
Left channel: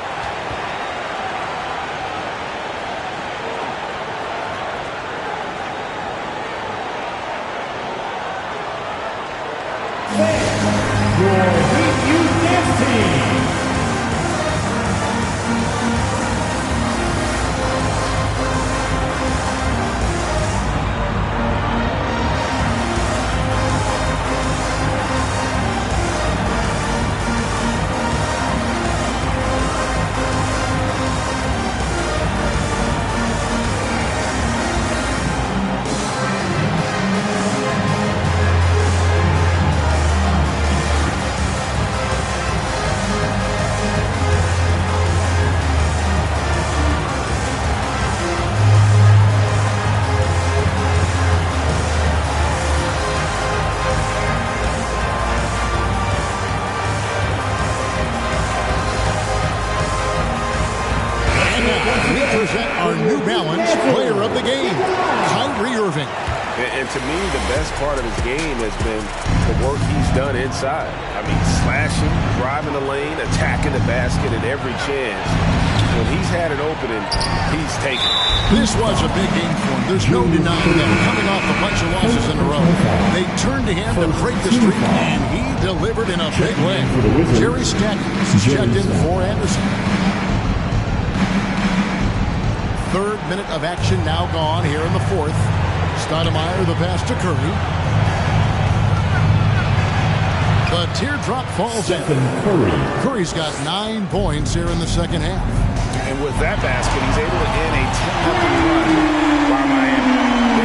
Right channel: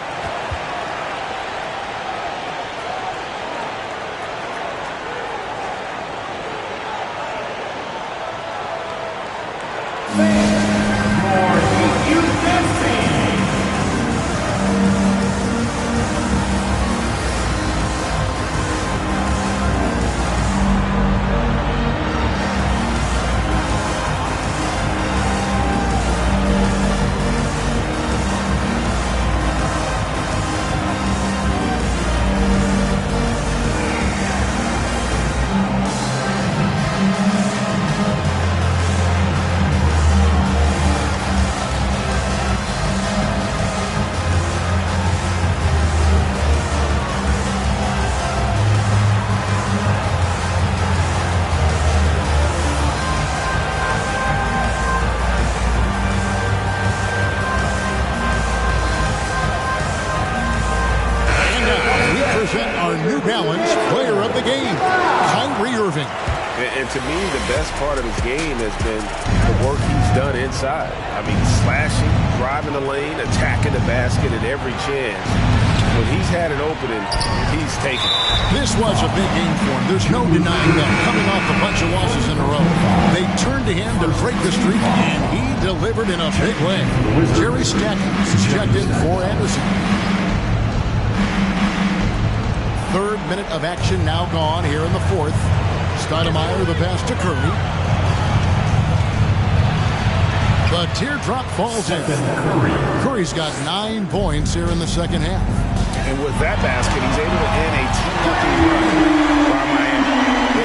Your Heat Youth Dance Team. Our New Balance player of the game, Kyrie Irving. And to me, the best part of his game has been the work he's done inside. I mean, slashing, driving the lane, attacking the basket at every chance. When he's had an opening, he's taken it. This was a big game for him. There's no denying that. Coming off a bunch of losses in a row, they turned to him to break the streak, and he delivered in a big way. Jerry Stackhouse is checked in for Anderson. 3rd minute of action now gone here in the 4th. Stoudemire the pass to Curry. The teardrop falls in. Curry's got 9 points here in the second half. And with that basket, he's able to end a 10-0 run by Miami.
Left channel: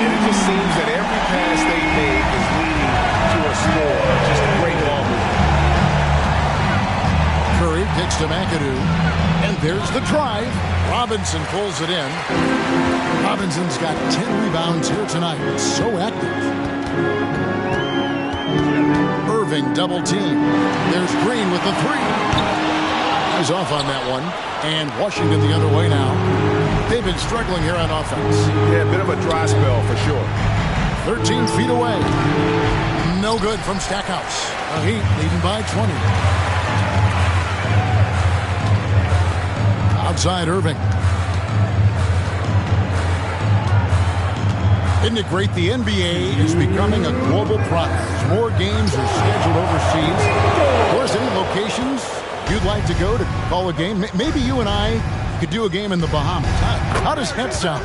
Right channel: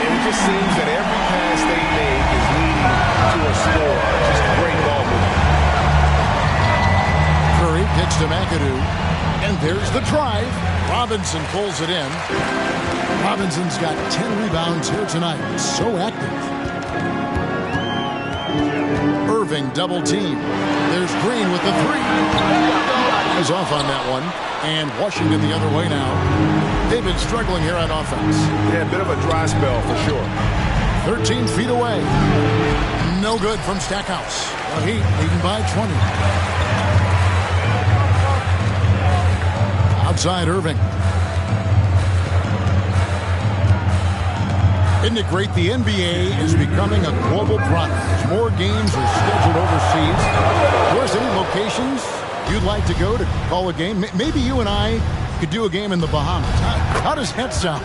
And it just seems that every pass they make is leading to a score. Just great ball movement. Curry kicks to McAdoo. And there's the drive. Robinson pulls it in. Robinson's got 10 rebounds here tonight. So active. Irving double team. There's Green with the three. He's off on that one. And Washington the other way now. They've been struggling here on offense. Yeah, a bit of a dry spell for sure. 13 feet away. No good from Stackhouse. The Heat leading by 20. Outside Irving. Isn't it great? The NBA is becoming a global product. As more games are scheduled overseas. Of course, any locations you'd like to go to call a game? Maybe you and I could do a game in the Bahamas. How does that sound?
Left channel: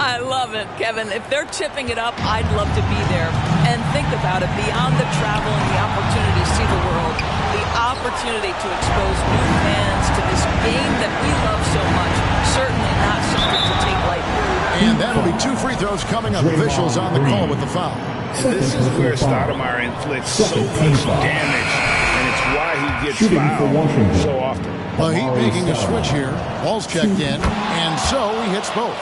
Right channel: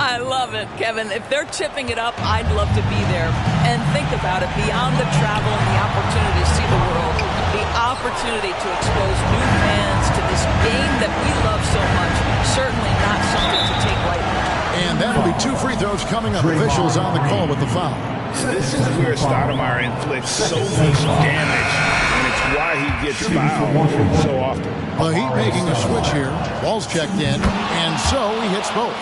I love it, Kevin. If they're tipping it up, I'd love to be there. And think about it, beyond the travel and the opportunity to see the world, the opportunity to expose new fans to this game that we love so much, certainly not something to take lightly. And that'll be 2 free throws coming up. Officials on the call with the foul. And this is where Stoudemire inflicts so much damage, and it's why he gets fouled so often. The Heat making a switch here. Ball's checked in, and so he hits both.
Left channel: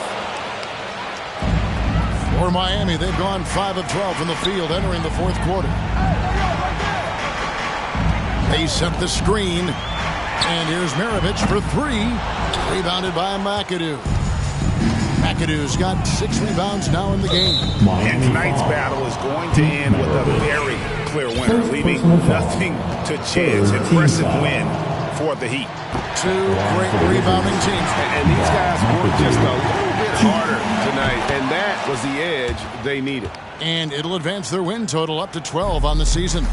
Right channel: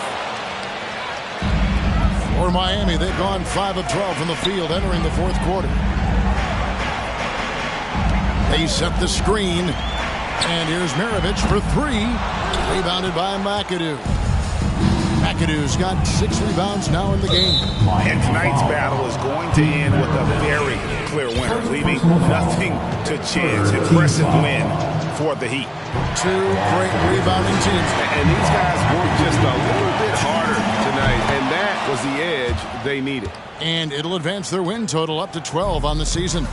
For Miami, they've gone 5 of 12 from the field entering the fourth quarter. They set the screen, and here's Maravich for 3. Rebounded by McAdoo. McAdoo's got 6 rebounds now in the game. And tonight's battle is going to end with a very clear winner, leaving nothing to chance. Impressive win for the Heat. 2 great rebounding teams. And these guys worked just a little bit harder tonight, and that was the edge they needed. And it'll advance their win total up to 12 on the season.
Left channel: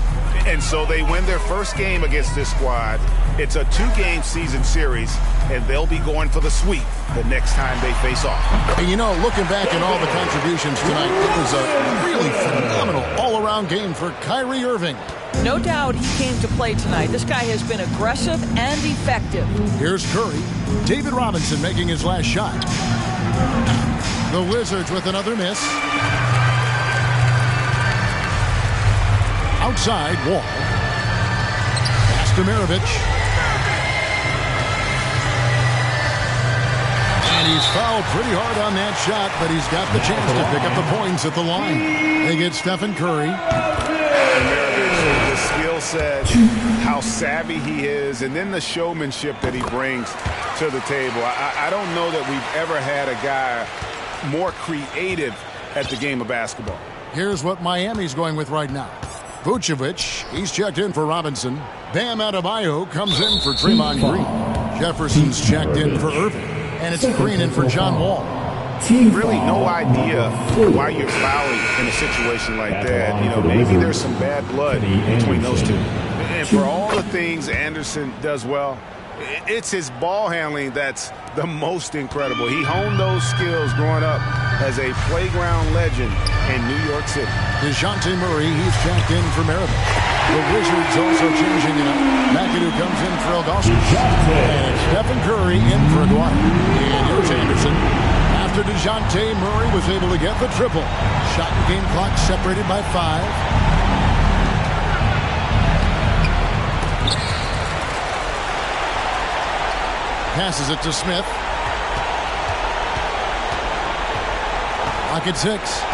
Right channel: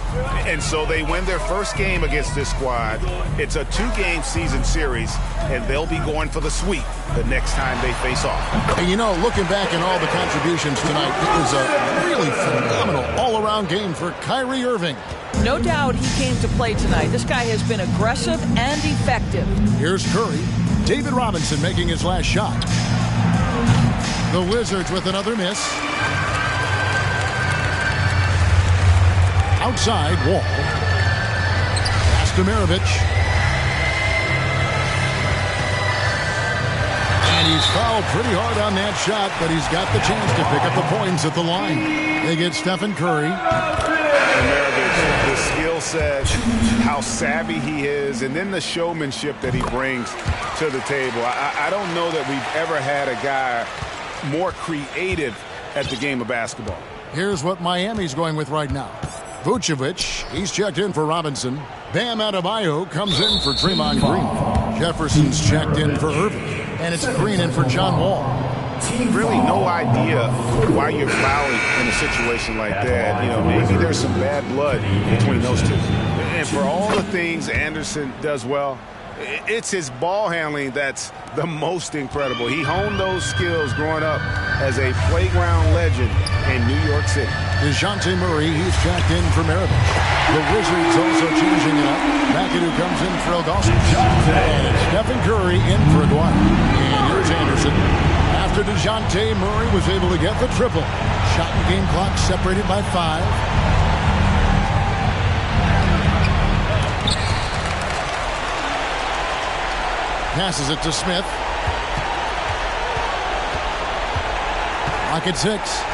And so they win their first game against this squad. It's a 2-game season series, and they'll be going for the sweep the next time they face off. And you know, looking back at all the contributions tonight, it was a really phenomenal all-around game for Kyrie Irving. No doubt he came to play tonight. This guy has been aggressive and effective. Here's Curry. David Robinson making his last shot. The Wizards with another miss. Outside, Wall. Pass to Maravich. And he's fouled pretty hard on that shot, but he's got the chance to pick up the points at the line. They get Stephen Curry. And Maravich, the skill set, how savvy he is, and then the showmanship that he brings to the table. I don't know that we've ever had a guy more creative at the game of basketball. Here's what Miami's going with right now. Vucevic, he's checked in for Robinson. Bam Adebayo comes in for Draymond Green. Jefferson's checked in for Irving. And it's Green in for John Wall. Really no idea why you're fouling in a situation like that. You know, maybe there's some bad blood between those two. And for all the things Anderson does well, it's his ball handling that's the most incredible. He honed those skills growing up as a playground legend in New York City. DeJounte Murray, he's checked in for Maravich. The Wizards also changing it up. McAdoo comes in for Ilgauskas. And it's Stephen Curry in for Aguirre. And here's Anderson. After DeJounte Murray was able to get the triple. Shot and game clock separated by 5. Passes it to Smith. Clock at 6.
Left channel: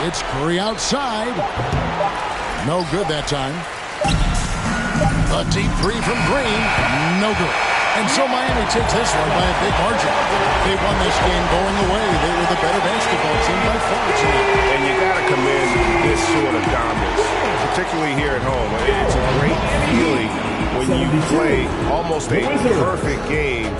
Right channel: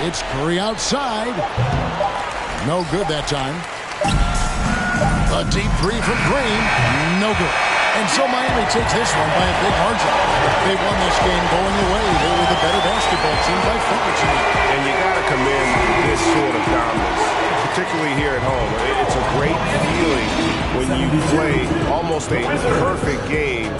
It's Curry outside. No good that time. A deep 3 from Green. No good. And so Miami takes this one by a big margin. They won this game going away. They were the better basketball team by far tonight. And you got to commend this sort of dominance, particularly here at home. It's a great feeling when you play almost a perfect game.